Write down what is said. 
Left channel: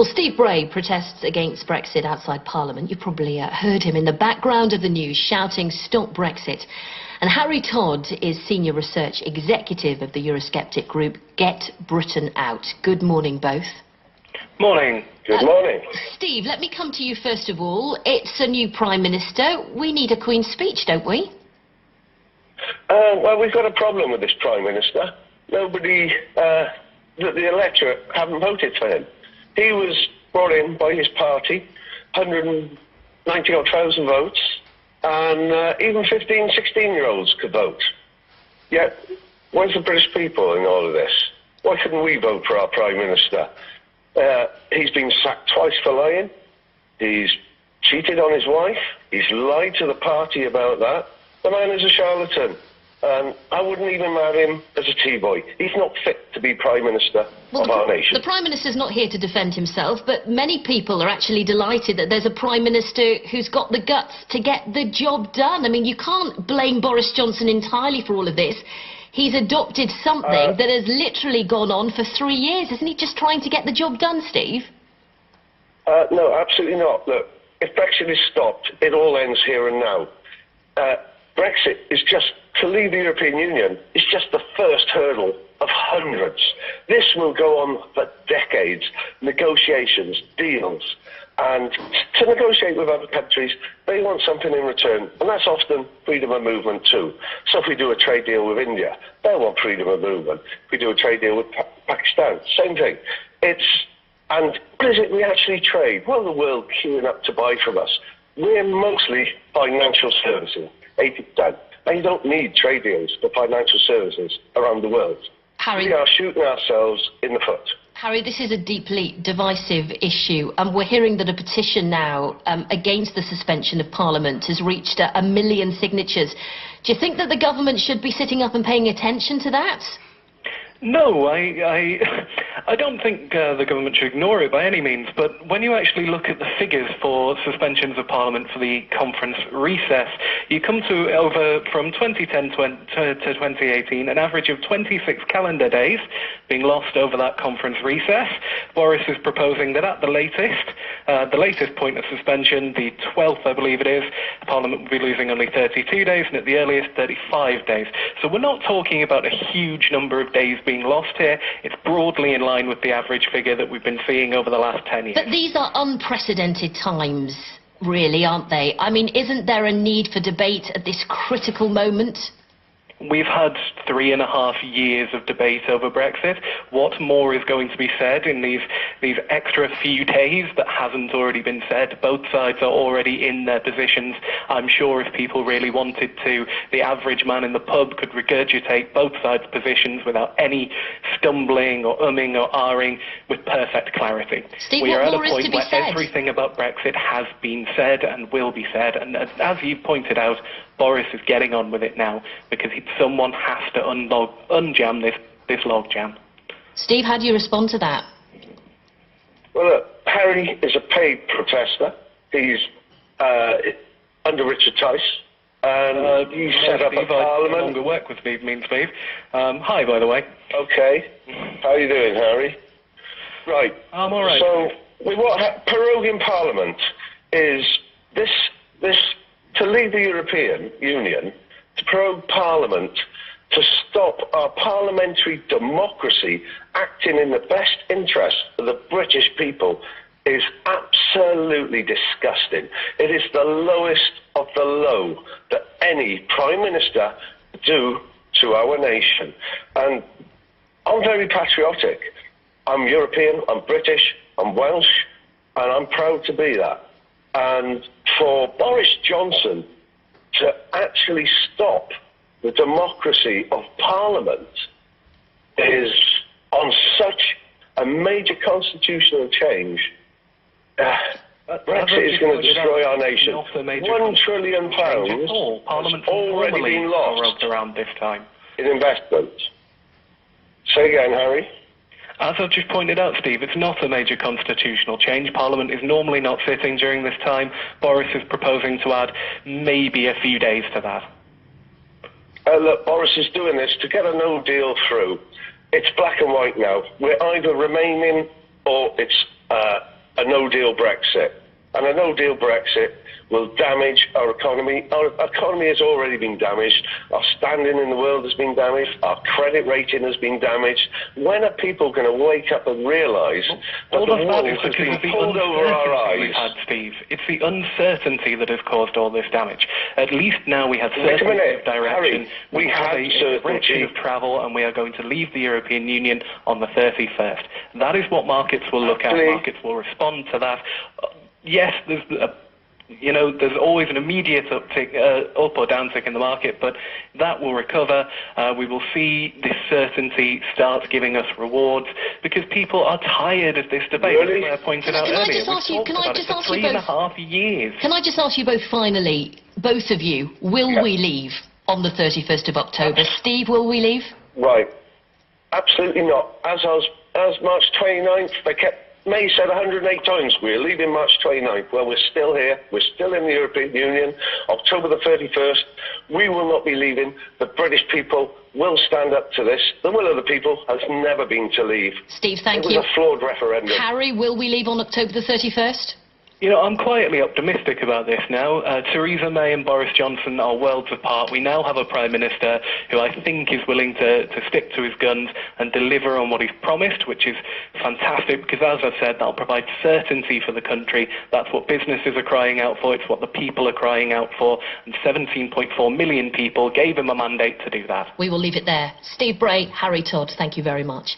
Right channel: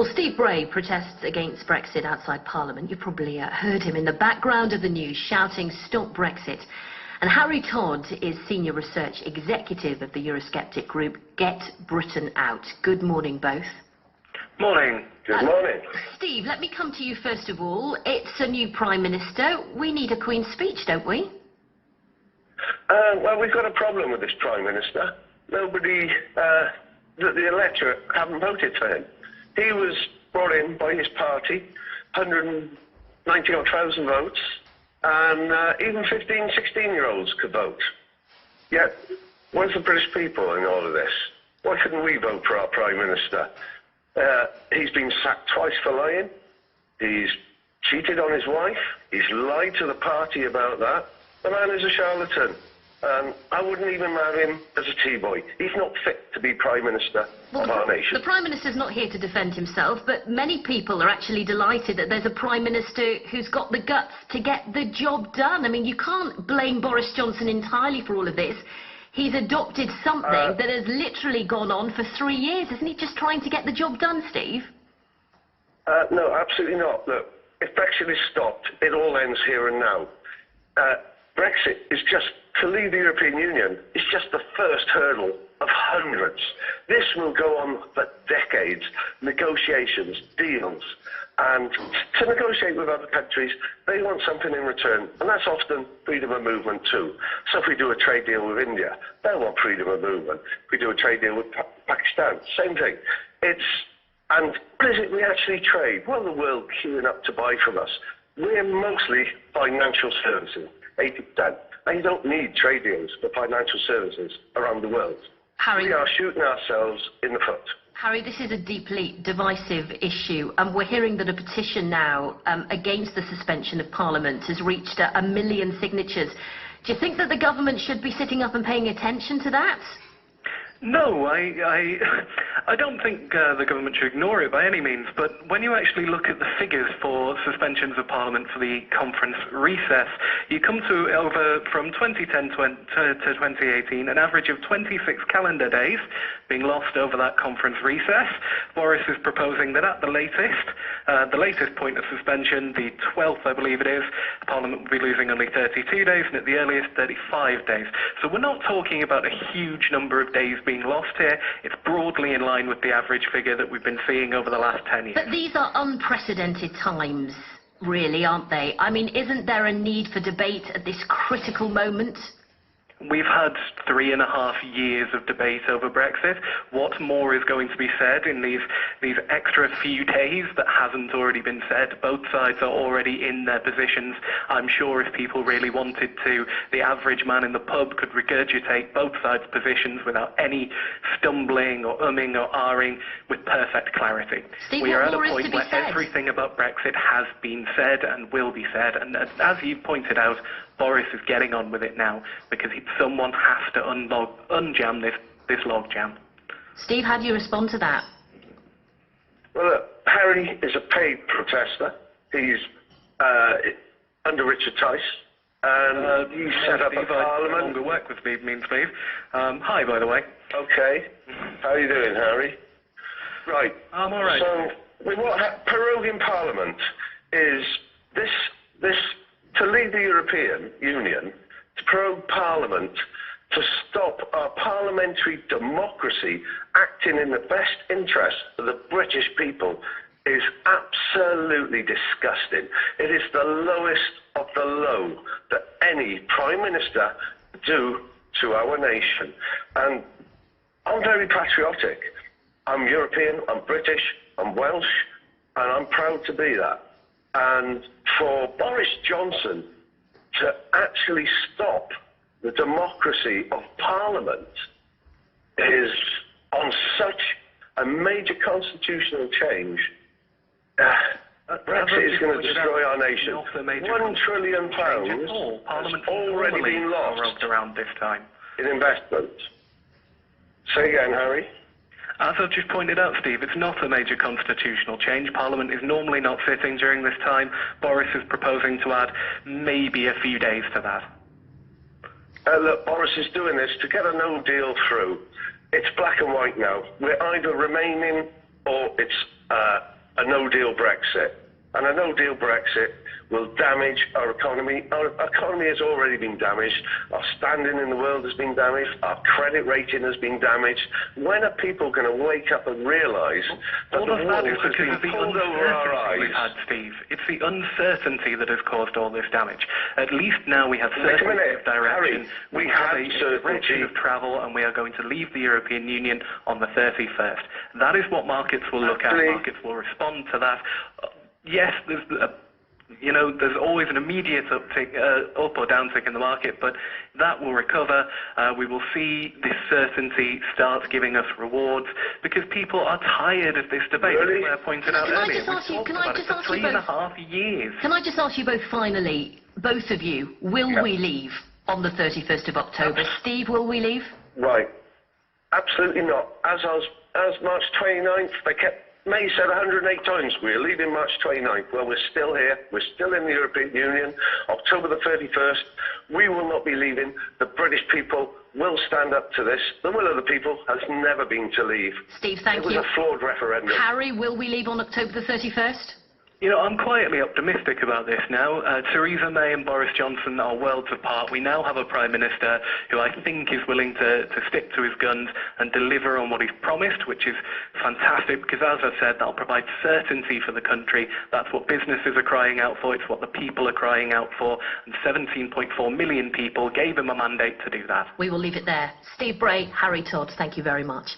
Well, Steve Bray protests against Brexit outside Parliament. You probably heard him in the background of the news shouting, "Stop Brexit." And Harry Todd is Senior Research Executive of the Eurosceptic group Get Britain Out. Good morning, both. Morning. Good morning. Steve, let me come to you first of all. It's a new Prime Minister. We need a Queen's speech, don't we? Well, we've got a problem with this Prime Minister. Nobody, the electorate haven't voted for him. He was brought in by his party, 190,000 votes, and even 15, 16-year-olds could vote. Yet, where's the British people in all of this? Why couldn't we vote for our Prime Minister? He's been sacked twice for lying. He's cheated on his wife. He's lied to the party about that. The man is a charlatan. I wouldn't even marry him as a tea boy. He's not fit to be Prime Minister of our nation. The Prime Minister's not here to defend himself, but many people are actually delighted that there's a Prime Minister who's got the guts to get the job done. I mean, you can't blame Boris Johnson entirely for all of this. He's adopted something that has literally gone on for 3 years. Isn't he just trying to get the job done, Steve? No, absolutely not. Look, if Brexit is stopped, it all ends here and now. Brexit is just, to leave the European Union, is just the first hurdle of hundreds. This will go on for decades, negotiations, deals, and to negotiate with other countries, they want something in return, and that's often freedom of movement too. So if we do a trade deal with India, they'll want freedom of movement. If we do a trade deal with Pakistan, same thing. And what is it we actually trade? Well, the world queuing up to buy from us. We're mostly financial services. 80%. And you don't need trade deals for financial services around the world. Harry, we are shooting ourselves in the foot. Harry, this is a deeply divisive issue, and we're hearing that a petition now against the suspension of Parliament has reached 1 million signatures. Do you think that the government should be sitting up and paying attention to that? No, I don't think the government should ignore it by any means, but when you actually look at the figures for suspensions of Parliament for the conference recess, you come to from 2010 to 2018, an average of 26 calendar days being lost over that conference recess. Boris is proposing that at the latest point of suspension, the 12th I believe it is, Parliament will be losing only 32 days, and at the earliest 35 days. So we're not talking about a huge number of days being lost here. It's broadly in line with the average figure that we've been seeing over the last 10 years. But these are unprecedented times, really, aren't they? I mean, isn't there a need for debate at this critical moment? We've had 3.5 years of debate over Brexit. What more is going to be said in these extra few days that hasn't already been said? Both sides are already in their positions. I'm sure if people really wanted to, the average man in the pub could regurgitate both sides' positions without any stumbling or umming or ahhing with perfect clarity. Steve, we are at a more is point to be where said? everything about Brexit has been said and will be said, and as you've pointed out, Boris is getting on with it now because someone has to unjam this logjam. Steve, how do you respond to that? Well, look, Harry is a paid protester. He's under Richard Tice. And you set up a Parliament. I no longer work with Steve, Steve. Hi, by the way. Okay. How are you doing, Harry? Right. I'm all right. So, what proroguing Parliament is this to leave the European Union, to prorogue Parliament, to stop our parliamentary democracy acting in the best interest of the British people is absolutely disgusting. It is the lowest of the low that any Prime Minister would do to our nation. And I'm very patriotic. I'm European, I'm British, I'm Welsh, and I'm proud to be that. And for Boris Johnson to actually stop the democracy of Parliament is on such a major constitutional change. Brexit is going to destroy our nation. £1 trillion has already been lost around this time in investment. Say again, Harry. As I've just pointed out, Steve, it's not a major constitutional change. Parliament is normally not sitting during this time. Boris is proposing to add maybe a few days to that. Look, Boris is doing this to get a no deal through. It's black and white now. We're either remaining or it's a no-deal Brexit. And a no-deal Brexit will damage our economy. Our economy has already been damaged. Our standing in the world has been damaged. Our credit rating has been damaged. When are people going to wake up and realise that the wool has been pulled over our eyes? We've had, Steve. It's the uncertainty that has caused all this damage. At least now we have certainty of direction. Harry, we have a certainty direction of travel, and we are going to leave the European Union on the 31st. That is what markets will look at. Markets will respond to that. Yes, there's always an immediate uptick, up or downtick in the market, but that will recover. We will see this certainty start giving us rewards because people are tired of this debate. Really? As I pointed out earlier, we've talked about it for 3.5 years. Can I just ask you both finally, both of you, will we leave on the 31st of October? Steve, will we leave? Right. Absolutely not. As March 29th, May said 108 times, we're leaving March 29th. Well, we're still here. We're still in the European Union. October the 31st, we will not be leaving. The British people will stand up to this. The will of the people has never been to leave. Steve, thank you. It was a flawed referendum. Harry, will we leave on October the 31st? I'm quietly optimistic about this now. Theresa May and Boris Johnson are worlds apart. We now have a Prime Minister who I think is willing to stick to his guns and deliver on what he's promised, which is fantastic because, as I've said, that'll provide certainty for the country. That's what businesses are crying out for. It's what the people are crying out for. And 17.4 million people gave him a mandate to do that. We will leave it there. Steve, Bray, Harry, Todd, thank you very much.